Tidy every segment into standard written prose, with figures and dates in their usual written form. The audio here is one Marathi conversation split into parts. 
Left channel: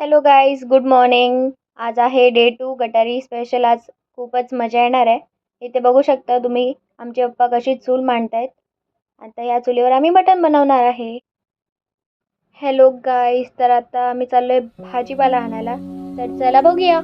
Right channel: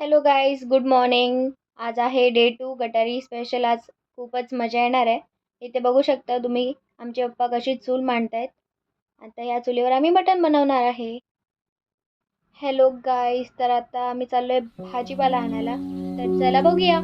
Hello guys, good morning. आज आहे डे 2 गटारी स्पेशल. आज खूपच मजा येणार आहे. इथे बघू शकता तुम्ही आमचे पप्पा कशी चूल मांडतायत. आता या चुलीवर आम्ही मटण बनवणार आहे. हॅलो गाईज, तर आता आम्ही चाललोय भाजीपाला आणायला. तर चला बघूया.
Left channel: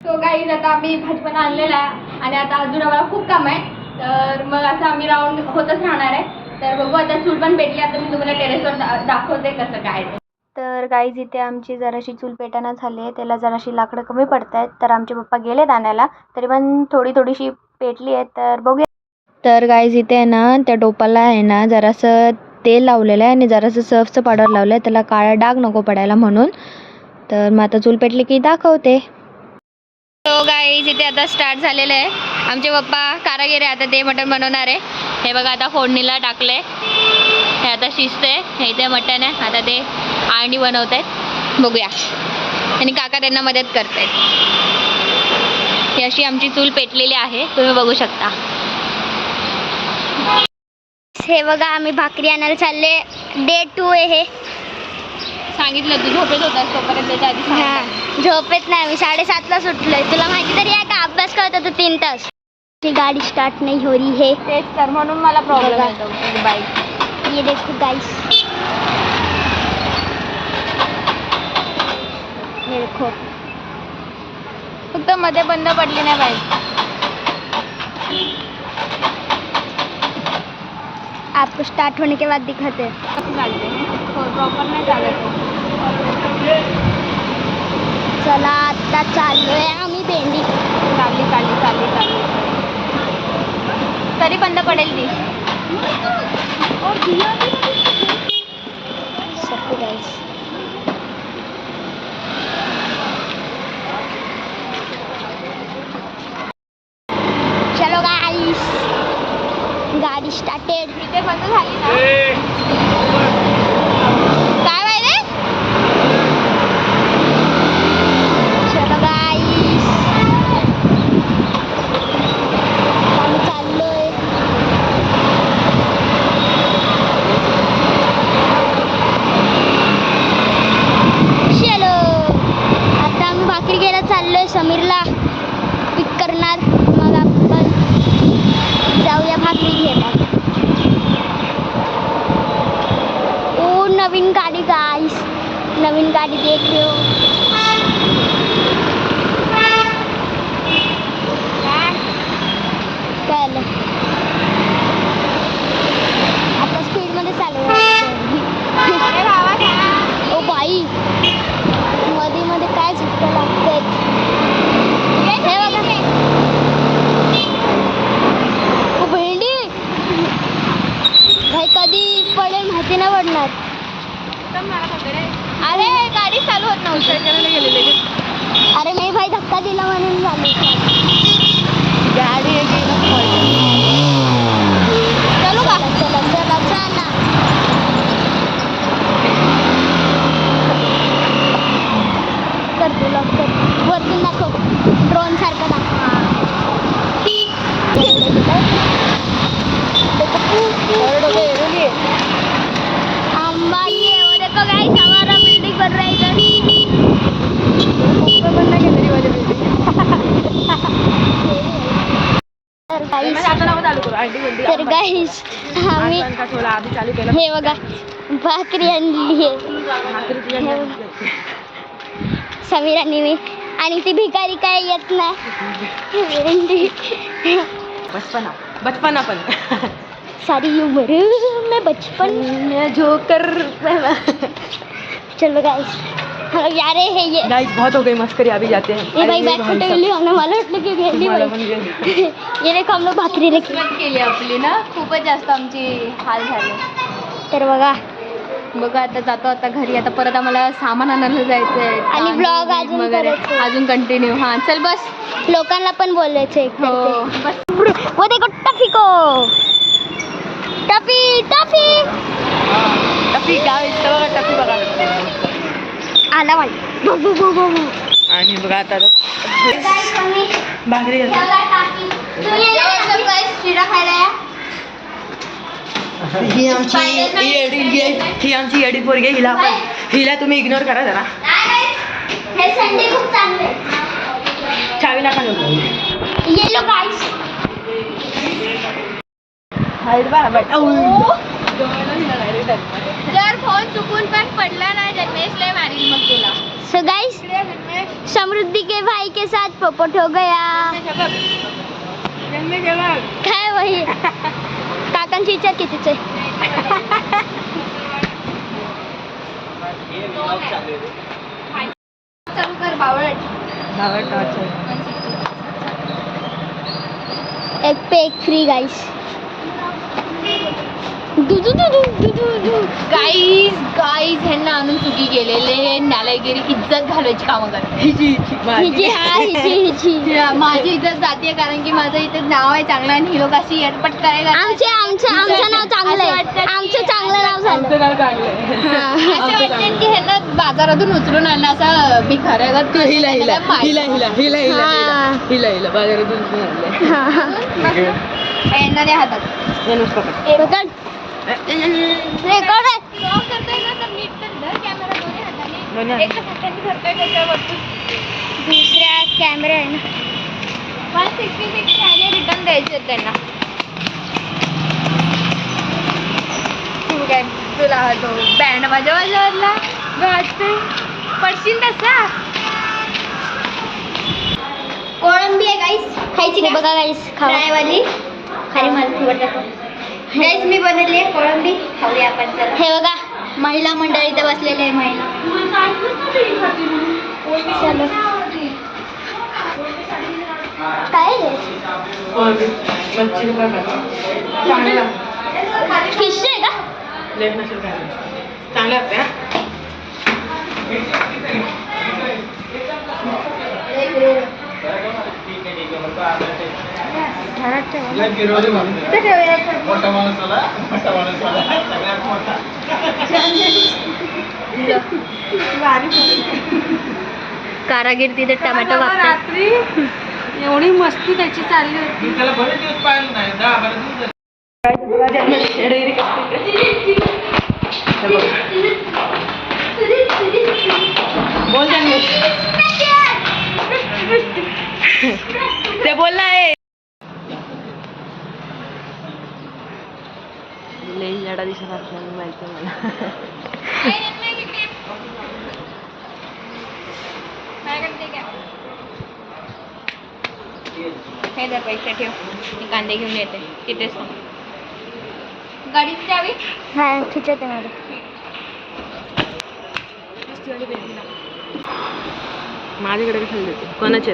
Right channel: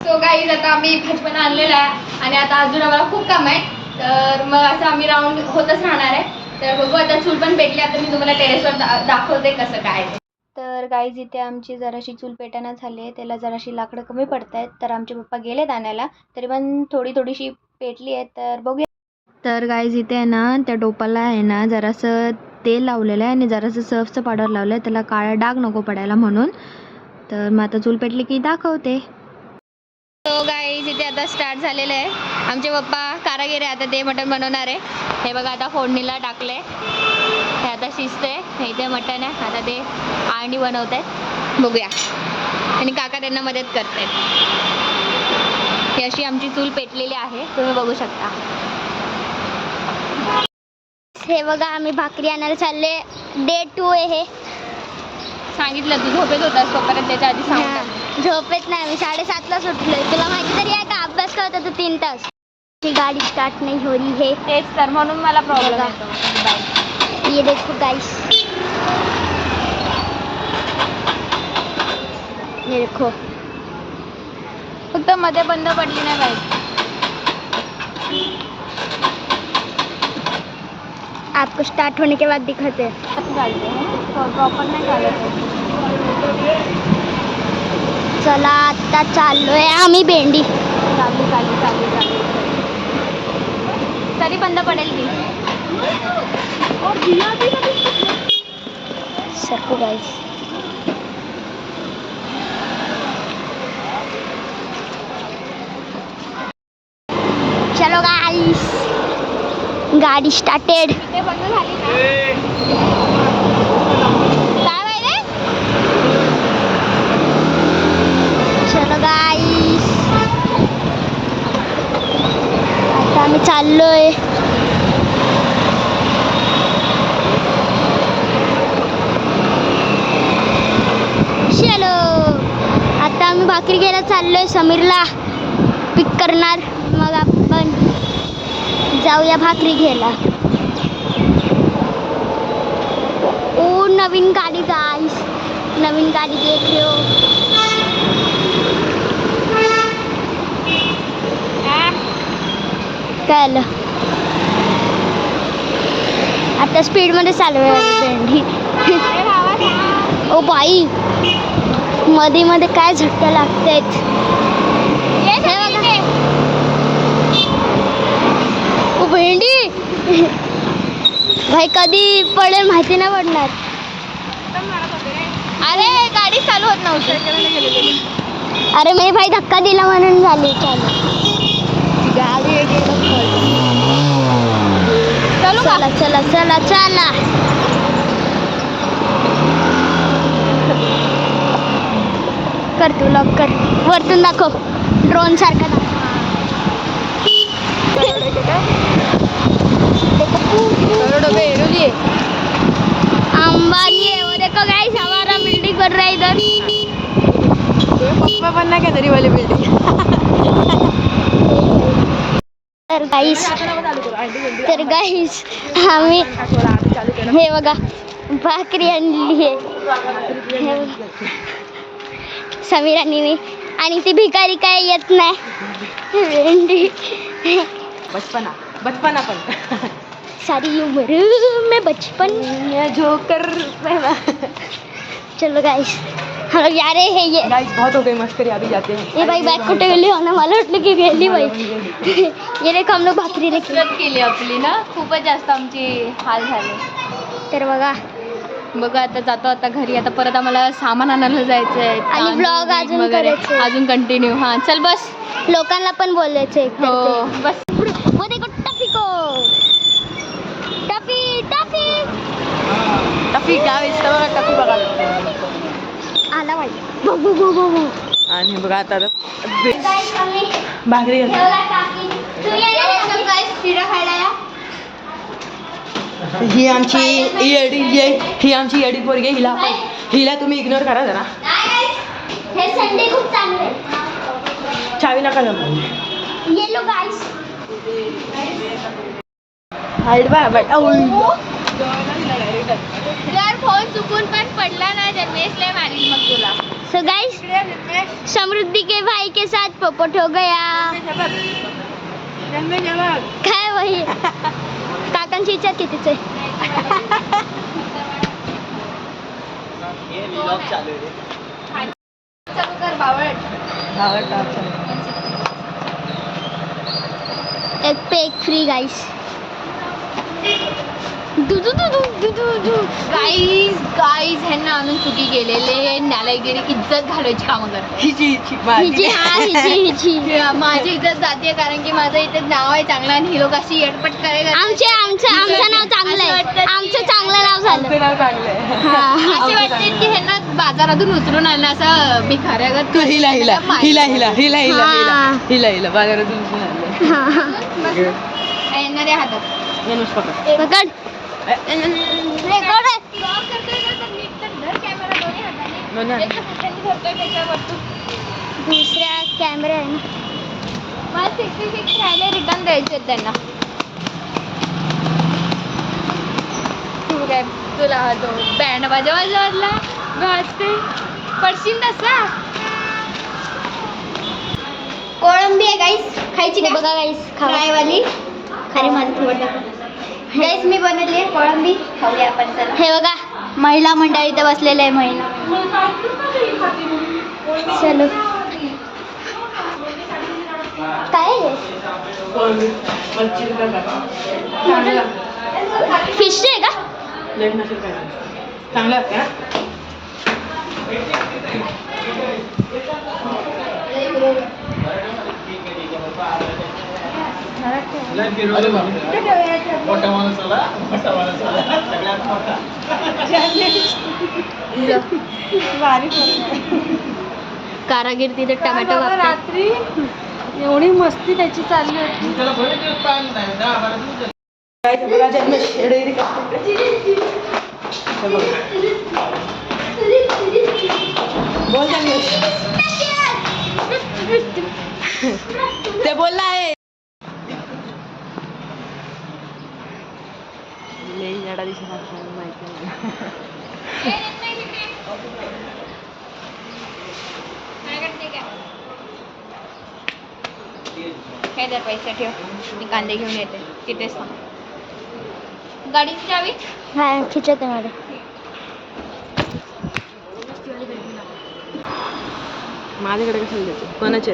सो गाईज, आता आम्ही भाजीपाला आणलेला आहे आणि आता अजून आम्हाला खूप काम आहे. तर मग असं आम्ही राऊंड होतच राहणार आहे. तर बघू, आता चूल पण पेटली. आता मी तुम्हाला टेरेसवर दाखवते कसं काय. तर गाईज, इथे आमची जराशी चूल पेटाना झाली आहे. त्याला जराशी लाकडं कमी पडत आहेत. तर आमचे पप्पा गेलेत आणायला. तरी पण थोडीशी पेटली आहे. तर बघूया. तर गाईज, इथे आहे ना, त्या टोपाला आहे ना जरासं तेल लावलेलं आहे आणि जरासं सर्फचं पावडर लावलं आहे, त्याला काळा डाग नको पडायला म्हणून. तर मग आता चूल पेटली की दाखवते. तो गाईज, इथे आता स्टार्ट झालेलं आहे. आमचे पप्पा कारागीर आहे, आता ते मटण बनवणार आहे. हे बघा, आता फोडणीला टाकले. हे आता शिजते. हे इथे मटण आहे. आता ते आळणी बनवत आहेत. बघूया. आणि काका त्यांना मदत करतायत. ही अशी आमची चूल पेटलेली आहे, तुम्ही बघू शकता. हे बघा, आम्ही भाकरी आणायला चालले. डे 2 आहे हे. सांगितलं तू झोपेत होतास तोपर्यंत, त्याच्या आधी सांग. झोपेत नाही, मी 7:30ला सुटलोय. तुला माहिती तरी आहे का, अभ्यास करत होतो 3 तास. ती गाडी स्टार्ट नाही हो रही है. तेच तर, म्हणून मला प्रॉब्लेम येतो बाई. ये देखो गाइस, ये देखो. फक्त मध्ये बंद पडली नाही पाहिजे. आपको स्टार्ट होने के बाद दिखाते हैं. चालते प्रॉपर नाही चालत. चला, आता चाललोय आम्ही भेंडी. चालली तरी बंद पडेल ती. सबको गाइस, चलो गाइस, गाडी स्टार्टेड. इथे बंद झाली ना. काय माहिती. चलो गाइस, आम्ही चाललोय. चलो, आता आम्ही भाकरी घ्यायला चाललोय. समीरला पिक करणार, मग आपण जाऊया भाकरी घ्यायला. ओ, नवीन गाडी गाइस, नवीन गाडी देख रहे हो. कल आता स्पीड मध्ये चालू. ओ बाई, मध्ये मध्ये काय झटका लागतायत. हे बघा, ओ भेंडी. भाई, कधी पडेल माहिती नाही पडणार. अरे गाडी चालू होत नव्हती. अरे मी भाई धक्का दिला म्हणून झाली गाडी चला चला चला चला. कर तू लवकर, वरतून दाखव, ड्रोन सारखा दाखव. अंबानी है वो, देखो गाइस, हमारा बिल्डिंग बन रहा है इधर. बनना क्या तरी वाली बिल्डिंग. तर गाईस, आम्ही हे बघा भाकरी आणली आहे. समीरांनी मी, आणि ती भिकारी काय येत नाही. बचपना पण सारी उम्र में बचपन में जोकर. चलो गाइस, हाँ यार है ये. गाइस, बहुत हो गई मस्करी, अभी जाते हैं. ये भाई बैग कुठे गेली होना, मला वाटलं की गेली भाई. ये देखो, हम लोग भाकरी लेके केली आपली ना. खूपच जास्त आमची हाल झाले. तर बघा आता जातो आता घरी. आता परत आम्हाला सामान आणायला जायचं आणि ब्लॉग अजून करायचं, अजून कंटिन्यू. हा चल बस, लोकांना पण बोलायचं. हो बस. वो देखो टफी को, टफी टफी टफी काय बघा, टफी बघा. आला भाई. आणि बघा आता भाकरी घालतो. शिरा खायला या. ही आमची येडी पोरगी आहे. हिला तुम्ही इग्नोर करा जरा. हे संडे खूप चांगले. चावी नका नको. येलो गाईस. जर फोन चुकून पण पडला ना जन्मेश लय मारील मग तुला. सो गाइस समृद्धि के भाई के साथ पोपट हो गया. काय वही काकांची इच्छा कितीच आहे. चालू कर बावळट. एक पे एक फ्री गाइस. गाईज ह्यांना आणून चुकी केलेले नालायगिरी इज्जत घालवायची कामं करतात. हिची माझी इज्जत जाते कारण की माझं इथे नाव आहे चांगलं आणि ही लोक अशी एडपट करायला आमचं नाव चांगलं आहे. आमचं चांगलं नाव झालं. असे वाटते की ह्यांना बाजारातून उचलून आणलं असं भिकाऱ्यागत. यांना द्या हातात. दुसऱ्या कॅमेरा आहे ना. मला 60 रिटर्न द्यायचे आहेत त्यांना. तू काय तुला तो बँड वाजवला वाजते पडशील तसा. कोळंबी आहे गाईस. खायची बघा गाईस. खावायवाली खाली मला गाईस मी बनवली आहे कोळंबी. खाऊया आपण. हे बघा महिला मंडळ इथे बसलेले आहे. महिला चलो काय रे फिश आहे का. चांगलं असतं. कारागीर तिथे टमॅटो वापरतात. एवढी मस्ती त्याची चालली होती. बोल जन्मेश. ते बोलला आहे. जडा दिसत असल्याने माहिती आहे मला. काय दर पैसे ठेव. मी कांदे घेऊन येते तिथेच थांब. गाडीची चावी हा खिचते मॅडम. माझ्याकडे कशाला देते. कोणाचे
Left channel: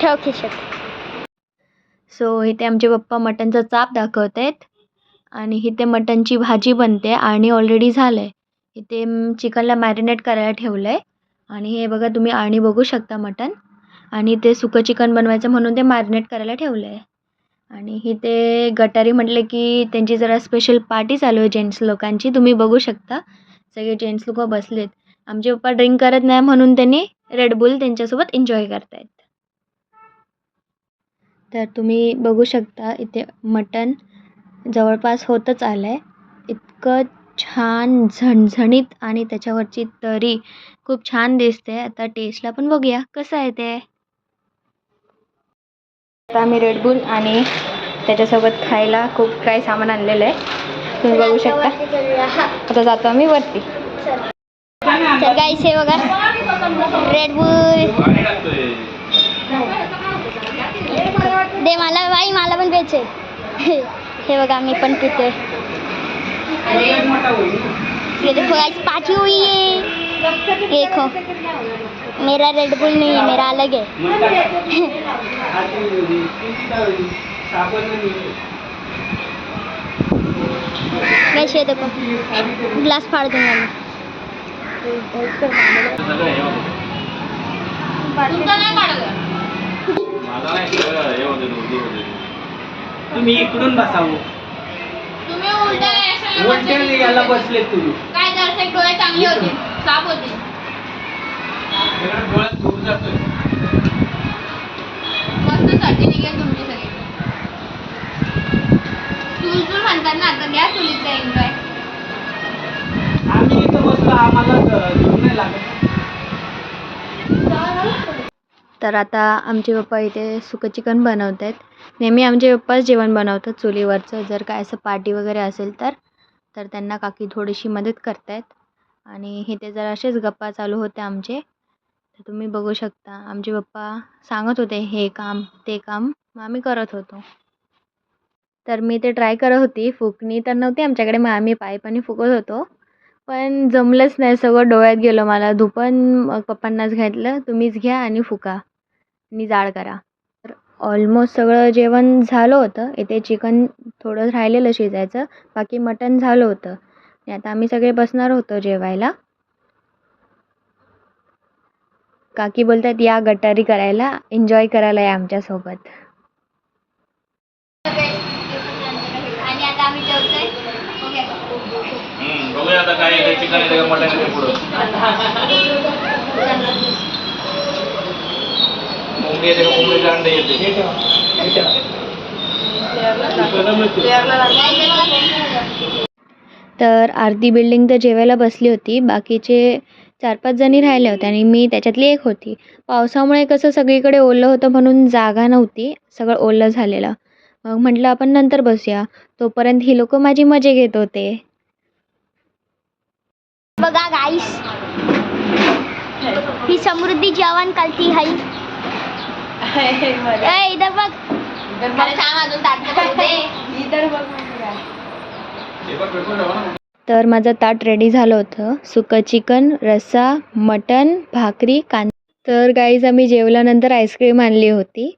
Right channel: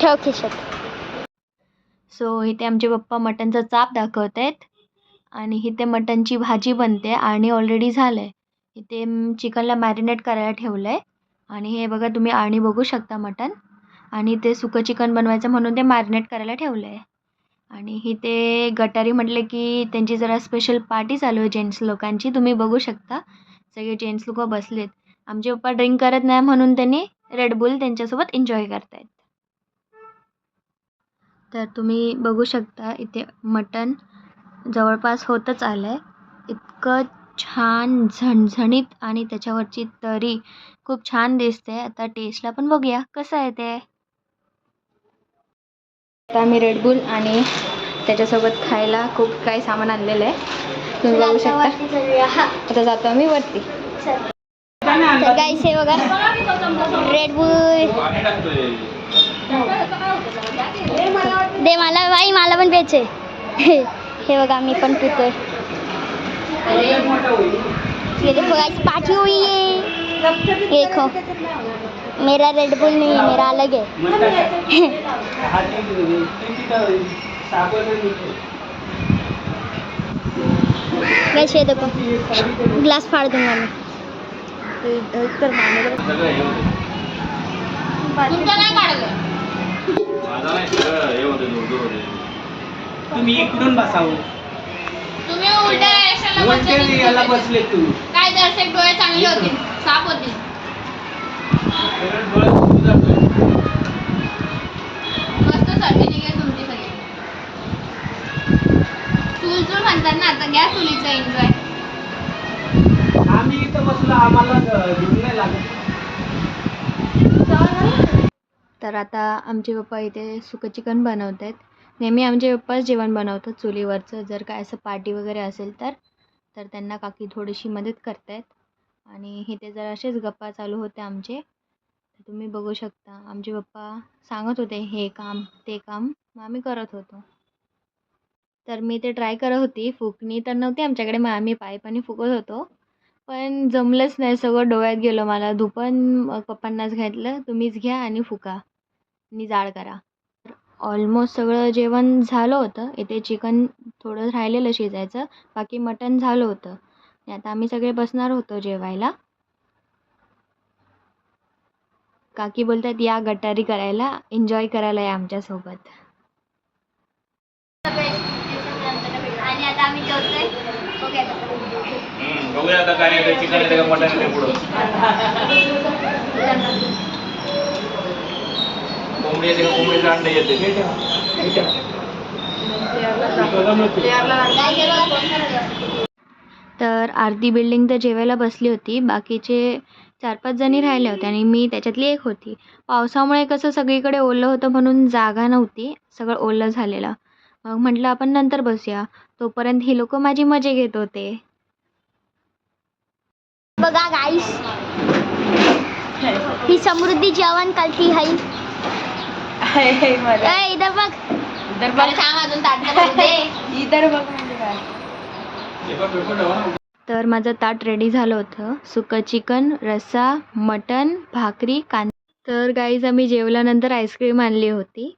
ठेव खिशात. सो इथे आमचे पप्पा मटनचा चाप दाखवत आहेत आणि इथे मटनची भाजी बनते आणि ऑलरेडी झालं आहे. इथे चिकनला मॅरिनेट करायला ठेवलं आहे आणि हे बघा तुम्ही आणि बघू शकता मटन. आणि ते सुकं चिकन बनवायचं म्हणून ते मॅरिनेट करायला ठेवलं आहे. आणि इथे गटारी म्हटलं की त्यांची जरा स्पेशल पार्टी चालू आहे जेंट्स लोकांची. तुम्ही बघू शकता सगळे जेंट्स लोक बसलेत. आमचे पप्पा ड्रिंक करत नाही म्हणून त्यांनी रेडबुल त्यांच्यासोबत एन्जॉय करतायत. तर तुम्ही बघू शकता इथे मटण जवळपास होतच आलं आहे. इतकं छान झणझणीत आणि त्याच्यावरची तरी खूप छान दिसते. आता टेस्टला पण बघूया कसं आहे ते. आता आम्ही रेडबुल आणि त्याच्यासोबत खायला खूप काही सामान आणलेलं आहे. तुम्ही बघू शकता. आता जातो आम्ही वरती. तर गाईस हे बघा रेडबुल दे मला बाई. मला पण प्यायचे. हे बघा मी पण पितोय. ये देखो गाइस पार्टी हुई है. देखो मेरा रेडबुल नहीं है, मेरा अलग है. गाइस ये देखो ग्लास फाड़ दूंगा मैं. तुम्ही इकडून बसावं. तुम्ही उलट्या बसले तुम्ही काय दर्शक डोळे चांगले होते साफ होते. मस्त तर आता आमचे पप्पा इथे सुकं चिकन बनवत आहेत. नेहमी आमचे पप्पाच जेवण बनवतात चुलीवरचं. जर काय असं पार्टी वगैरे असेल तर त्यांना काकी थोडीशी मदत करत आहेत. आणि इथे जर असेच गप्पा चालू होते आमचे. तर तुम्ही बघू शकता आमचे पप्पा सांगत होते हे काम ते काम, मग आम्ही करत होतो. तर मी ते ट्राय करत होती. फुकणी तर नव्हती आमच्याकडे, मग आम्ही पाईपाने फुकत होतो. पण जमलंच नाही, सगळं डोळ्यात गेलं मला धुपन. मग पप्पांनाच घातलं, तुम्हीच घ्या आणि फुका आणि जाळ करा. तर ऑलमोस्ट सगळं जेवण झालं होतं. इथे चिकन थोडं राहिलेलं शिजायचं, बाकी मटण झालं होतं. आणि आता आम्ही सगळे बसणार होतो जेवायला. काकी बोलतात या गटारी करायला, एन्जॉय करायला या आमच्यासोबत. आणि आता आम्ही जेवतोय. बघूया आता काय येतं, चिकन येतं का मटण येतं पुढं. कोंबडी येते का कोंबडीचं अंडे येते. तर अर्धी बिल्डिंग तर जेवायला बसली होती, बाकीचे 4-5 जणी राहिल्या होत्या आणि मी त्याच्यातली एक होती. पावसामुळे कसं सगळीकडे ओलं होतं म्हणून जागा नव्हती, सगळं ओलं झालेलं. मग म्हटलं आपण नंतर बसूया, तोपर्यंत ही लोक माझी मजा घेत होते. बघा गाईस, ही समृद्धी जेवण कलती है. इधर बघ. अरे थांब अजून ताट भरू दे. तर माझं ताट रेडी झालं होतं. सुकं चिकन, रस्सा, मटण, भाकरी, कांदा. तर गाईज आम्ही जेवल्यानंतर आईस्क्रीम आणली होती.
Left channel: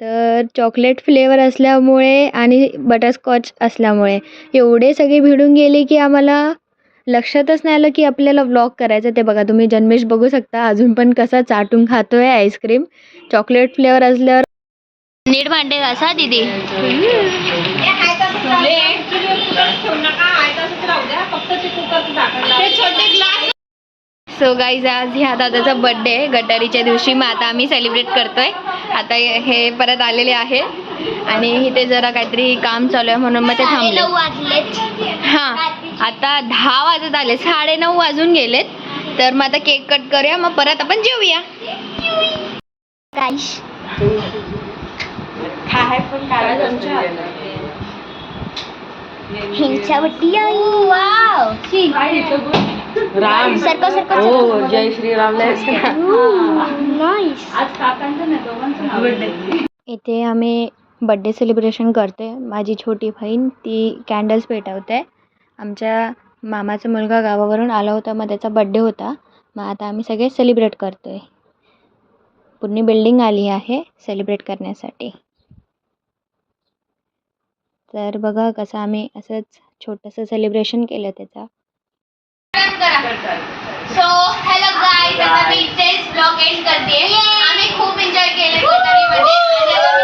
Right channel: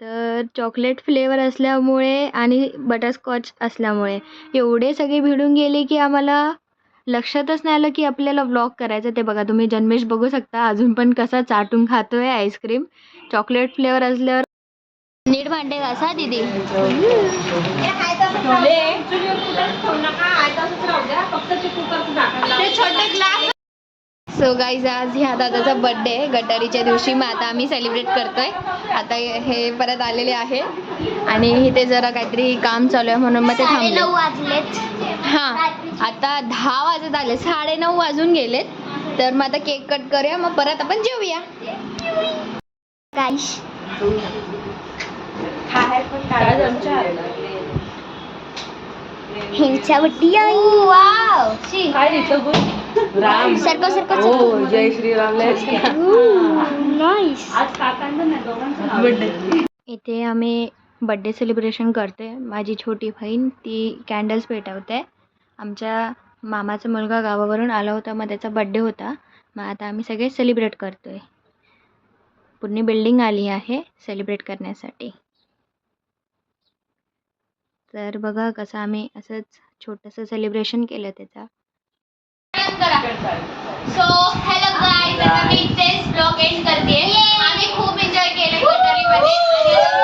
तर चॉकलेट फ्लेवर असल्यामुळे आणि बटरस्कॉच असल्यामुळे एवढे सगळे भिडून गेले की आम्हाला लक्षातच नाही आलं की आपल्याला व्लॉग करायचं. ते बघा तुम्ही जन्मेश बघू शकता अजून पण कसा चाटून खातोय आईस्क्रीम. चॉकलेट फ्लेवर असल्यावर नीट भांडे घासा दीदी. सो गाईज आज ह्या दादाचा बड्डे आहे गटारीच्या दिवशी. मग आता आम्ही सेलिब्रेट करतोय. आता हे परत आलेले आहे आणि इथे जरा काहीतरी काम चालू आहे म्हणून मग ते थांबले. 9 वाजलेत. हां आता 10 वाजत आले, 9:30 वाजून गेलेत. तर मग आता केक कट करूया, मग परत आपण जेवूया. गाईस ह्यांच्या बड्डी आहे. वाव सरको सरको जय श्रीराम. नाईस. इथे आम्ही बड्डे सेलिब्रेशन करतोय. माझी छोटी बहीण ती कॅन्डल्स पेटवते. आमच्या मामाचा मुलगा गावावरून आला होता, मग त्याचा बड्डे होता. मग आता आम्ही सगळे सेलिब्रेट करतोय. पूर्ण बिल्डिंग आली आहे सेलिब्रेट करण्यासाठी. तर बघा कसं आम्ही असंच छोटंसं सेलिब्रेशन केलं त्याचा. सो हॅलो गाईज, आता मी इथेच ब्लॉग एंड करते. आम्ही खूप एन्जॉय केले गटारीमध्ये.